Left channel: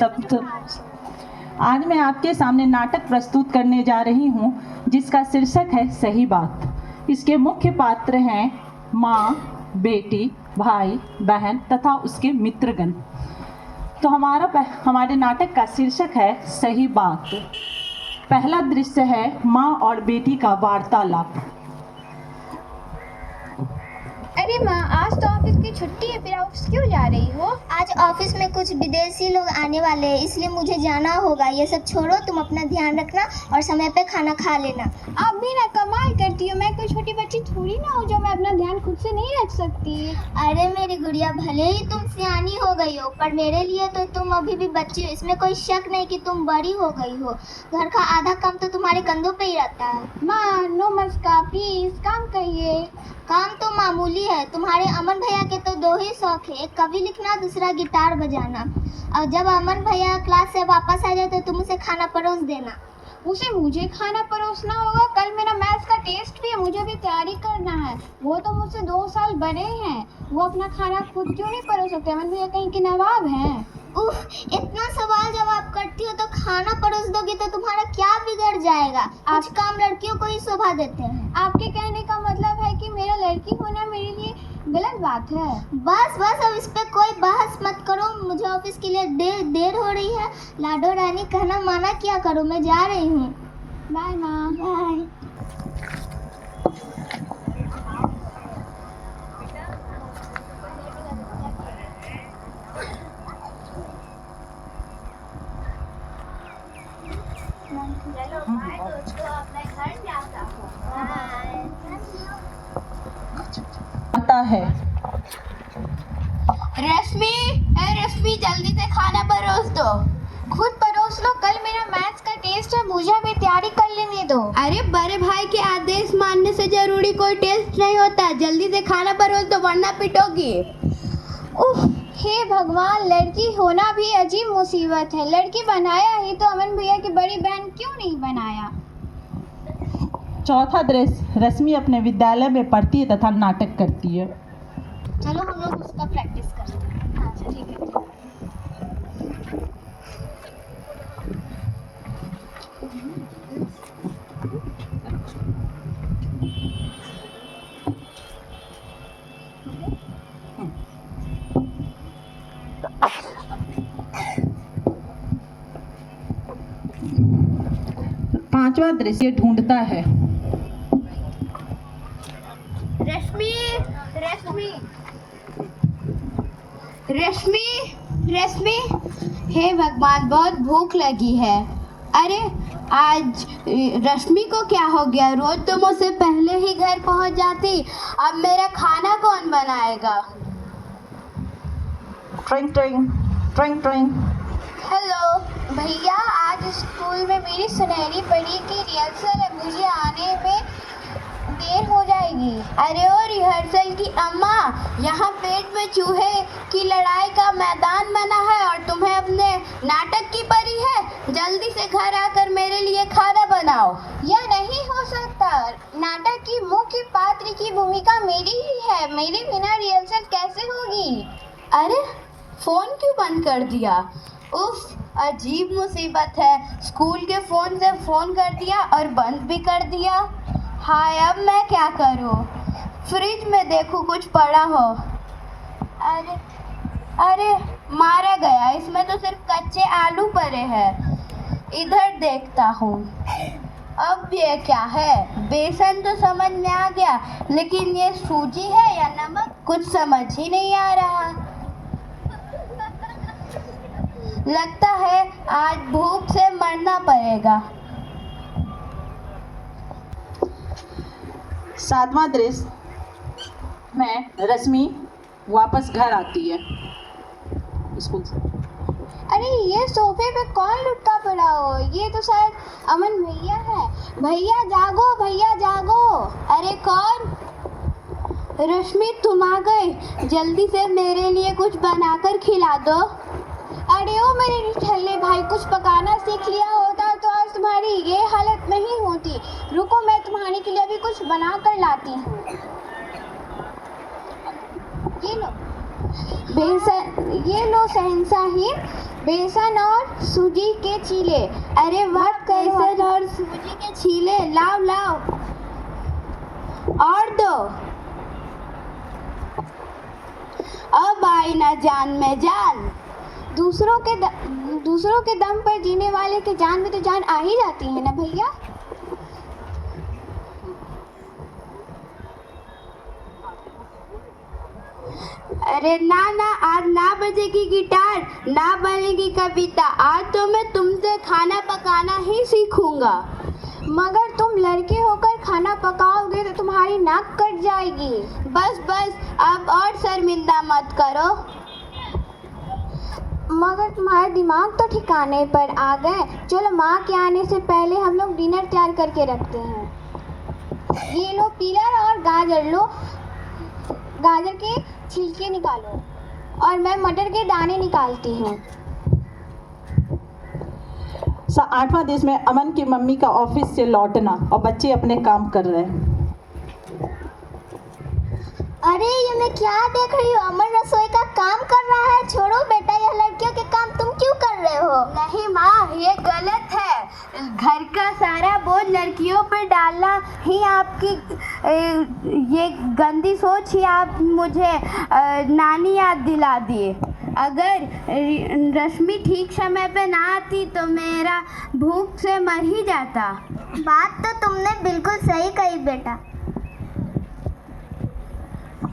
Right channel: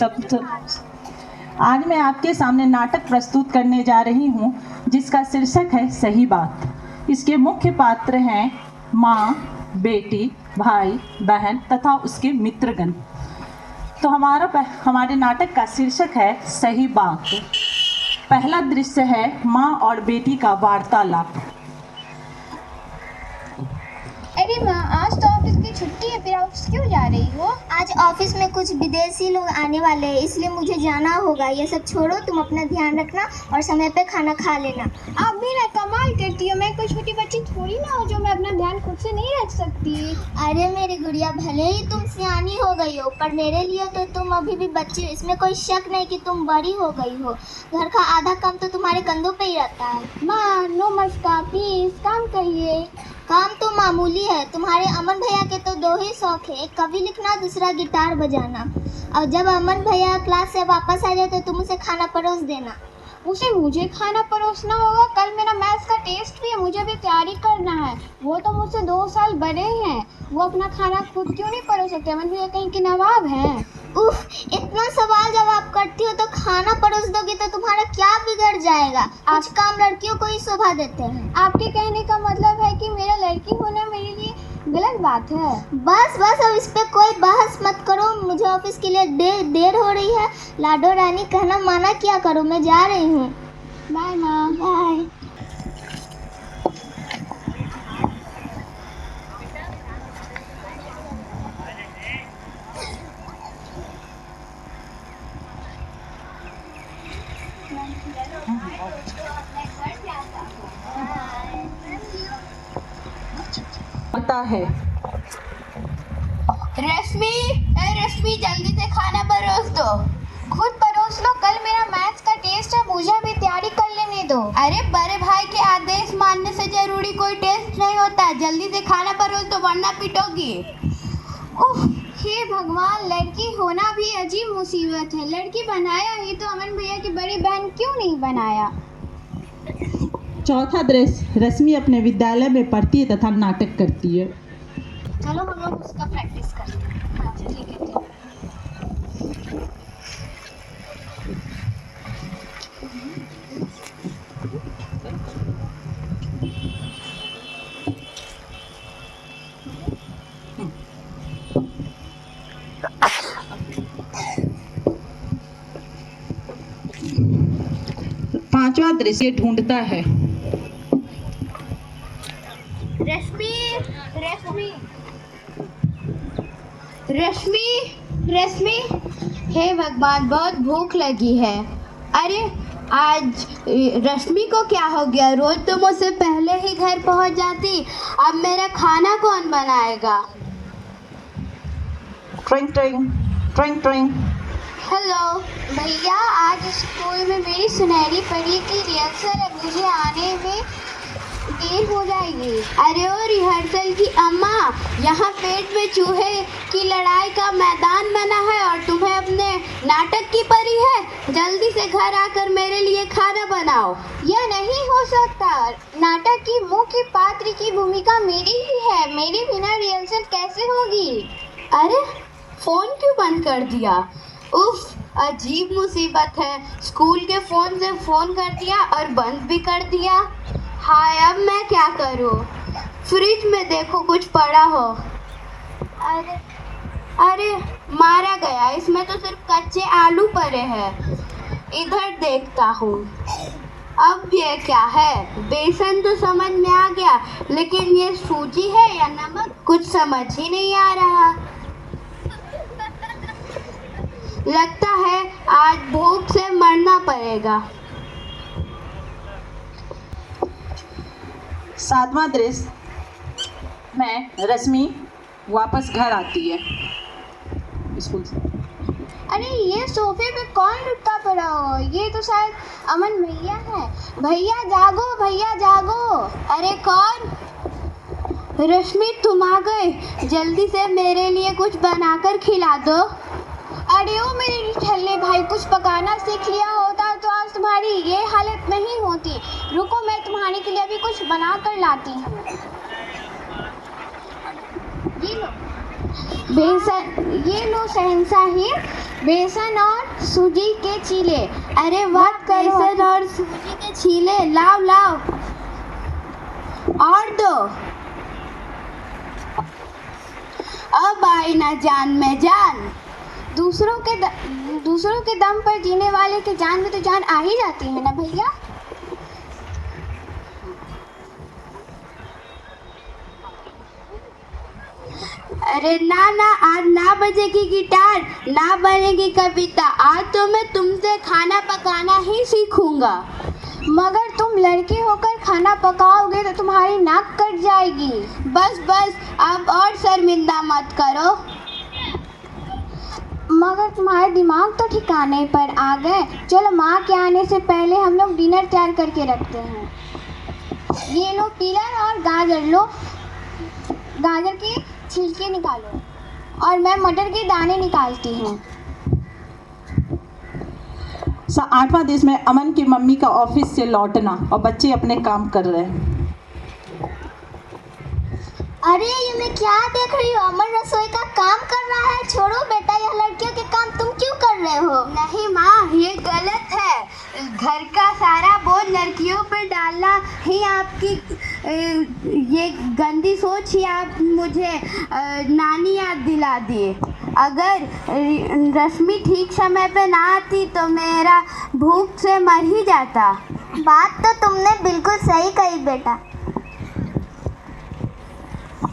आज मैं आपके सामने नाटक प्रस्तुत करने जा रही हूँ जिसका शीर्षक है सही बात। इसके मुख्य पात्र हैं माँ, बेटी, भाई, बहन तथा उसके मित्रगण। तो हमारे नाटक का शीर्षक है सही बात। पहला दृश्य है माँ और बेटी का वार्तालाप। अरे माँ, आज तो ऑफिस की छुट्टी है, फिर ऑफिस क्यों जा रही हो? आज ऑफिस में कुछ विदेशी लोग आने वाले हैं, इसलिए मुझे जाना होगा। ये सब छोड़ो, तुम अपना ध्यान रखना और समय पे खाना खा लेना। आप भी ना कमाल करती हो। मैं कोई छोटी बच्ची थोड़ी ना हो जो मैं अपना ध्यान खुद से नहीं रख सकती। अरे मेरी गुड़िया, भले ही तुम सियानी हो गई हो, पर मेरे लिए तो तुम अभी भी बच्ची हो। इसमें कोई शक नहीं कि तुम बड़ी हो गई हो। घर का आधा काम तो तुम्हारे कंधों पे ही रहता है। माँ, नो मस्का, प्लीज काम करिए। काम तो मामूली है। तुम्हारे अमन भैया के तो दो ही शौक है, एक कवि लिखना, दूसरा गिटार बजाना। और जब अमन भैया क्लास से वापस आ जाए तो तुम उसे खाना परोस देना। उसे मुझे खाना परोसना होगा? कल मेरा मैथ्स का टेस्ट भी है, मुझे भी तैयारी करना है। वो तो मुझसे 2 साल बड़े हैं, वो अपना खाना खुद क्यों नहीं परोस सकते? अमन भैया कहीं के नवाब हैं? उफ, इतना सवाल जवाब करती हो तो खाना परोस दोगी तो तुम्हारा क्या बिगड़ जाएगा? कुछ काम लड़कियों को ही शोभा देते हैं। आपके कहने का मतलब है कि मेरा लड़की होना मेरे लिए गलत बात है? बस अब इस पे कोई बहस मत करो। मुझे ऑफिस के लिए देर हो रही है। लाडो रानी कहना माना किया करो। मैं जा रही हूँ। बाय माँ। बाय। आता है रश्मि, जल्दी से खाना परोस दो। खुद परोस लो, कल मेरा मैथ्स का टेस्ट है, मुझे भी तैयारी कर लेने दो। अरे बड़े भाई के आदेश मानने से जरूरी कोई टेस्ट नहीं होता। जल्दी से खाना परोस दो वरना पिटोगी। उफ, हे भगवान, लड़की होना भी अजीब मुसीबत है। लड़की बनाया ही तो अमन भैया की बड़ी बहन क्यों नहीं बनाया? चौथा दृश्य रश्मि अपने विद्यालय में पढ़ती है तथा नाटक करती है। चलो हम लोग उसका प्रैक्टिस करते हैं। अच्छा ठीक है। पांचवा दृश्य ढूंढता है। रश्मि, हे भगवान, बहुत भूख लगी है। अरे आज रश्मि को क्या हो गया? रोज तो मुझसे पहले ही घर पहुंच जाती, अब मेरा खाना कौन बनाएगा? ट्रिंग ट्रिंग ट्रिंग ट्रिंग। हेलो भैया, आज स्कूल में मेरी सुनहरी परी की रिहर्सल है, मुझे आने में देर हो जाएगी। अरे ओ रिहर्सल की अम्मा, यहाँ पेट में चूहे की लड़ाई का मैदान बना है और तुम्हें अपने नाटक की परी है। जल्दी से घर आकर मेरे लिए खाना बनाओ। यह नहीं हो सकता। नाटक की मुख्य पात्र की भूमिका मेरी ही है, मेरे बिना रिहर्सल कैसे होगी? अरे फोन क्यों बंद कर दिया? उफ, अजीब मुसीबत है। स्कूल के फोन से फोन कर दिया और बंद भी कर दिया। हाय, अब मैं क्या करूं? फ्रिज में देखो कुछ पड़ा हो। अरे मारा गया, इसमें तो सिर्फ कच्चे आलू पड़े हैं। इधर देखता हूँ। अब ये क्या है? बेसन तो समझ में आ गया, लेकिन ये सूजी है या नमक, कुछ समझ ही नहीं आ रहा। लगता है आज भूख से मरना पड़ेगा। सातवां दृश्य में रश्मि वापस घर आती है स्कूल से। अरे ये सोफे पे कौन लुटका पड़ा हो? ये तो शायद अमन भैया है। भैया जागो, भैया जागो। अरे कौन? रश्मि, तुम आ गए। जल्दी से मेरे लिए कुछ बनाकर खिला दो। अरे ओ मेरे ठल्ले भाई, कुछ पकाना सीख लिया होता तो आज तुम्हारी ये हालत नहीं होती। रुको, मैं तुम्हारे के लिए अभी कुछ बना कर लाती हूँ। ये लो शहंशाही, बेसन और सूजी के चीले। अरे वाह, बेसन और सूजी के चीले, लाओ लाओ और दो। अब आई ना जान में जान। दूसरों के दम पर जीने वाले के जान में तो जान आ ही जाती है ना भैया। अरे ना ना, आज ना बजेगी गिटार, ना बनेगी कविता, आज तो मैं तुमसे खाना पकाना ही सीखूंगा। मगर तुम लड़के होकर खाना पकाओगे तो तुम्हारी नाक कट जाएगी। बस बस, अब और शर्मिंदा मत करो। मगर तुम्हारे दिमाग तो ठिकाने पर आ गए। चलो, माँ के आने से पहले हम लोग डिनर तैयार करके रखते हैं। ये लो टीलर और गाजर लो, गाजर के छिलके निकालो और मैं मटर के दाने निकालती हूँ। 8वां देश में अमन की मम्मी का ऑफिस से लौटना और बच्चे अपने काम कर रहे हैं। अरे ये मैं क्या देख रही हूँ? अमन रसोई का काम कर रहा है। छोड़ो बेटा, यह लड़कियों के काम तुम क्यों कर रहे हो? नहीं माँ, ये गलत है। घर का सारा बोझ लड़कियों पर डालना ही आपकी ये गंदी सोच ही आप मुझे नानी याद दिला दिए। अगर रश्मि ठीक समय पे ना आती तो मेरा भूख से मर ही जाता। बात तो तुमने बिल्कुल सही कही बेटा।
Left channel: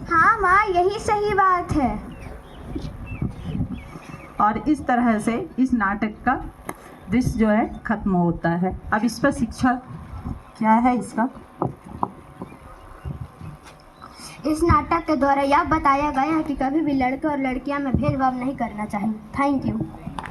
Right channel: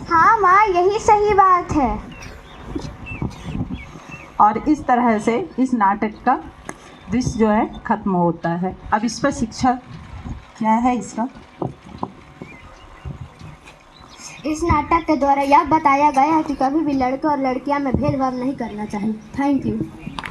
हाँ माँ, यही सही बात है। और इस तरह से इस नाटक का दृश्य जो है खत्म होता है। अब इस पर शिक्षा क्या है इसका? इस नाटक के द्वारा यह बताया गया है कि कभी भी लड़के और लड़कियां में भेदभाव नहीं करना चाहिए। Thank you.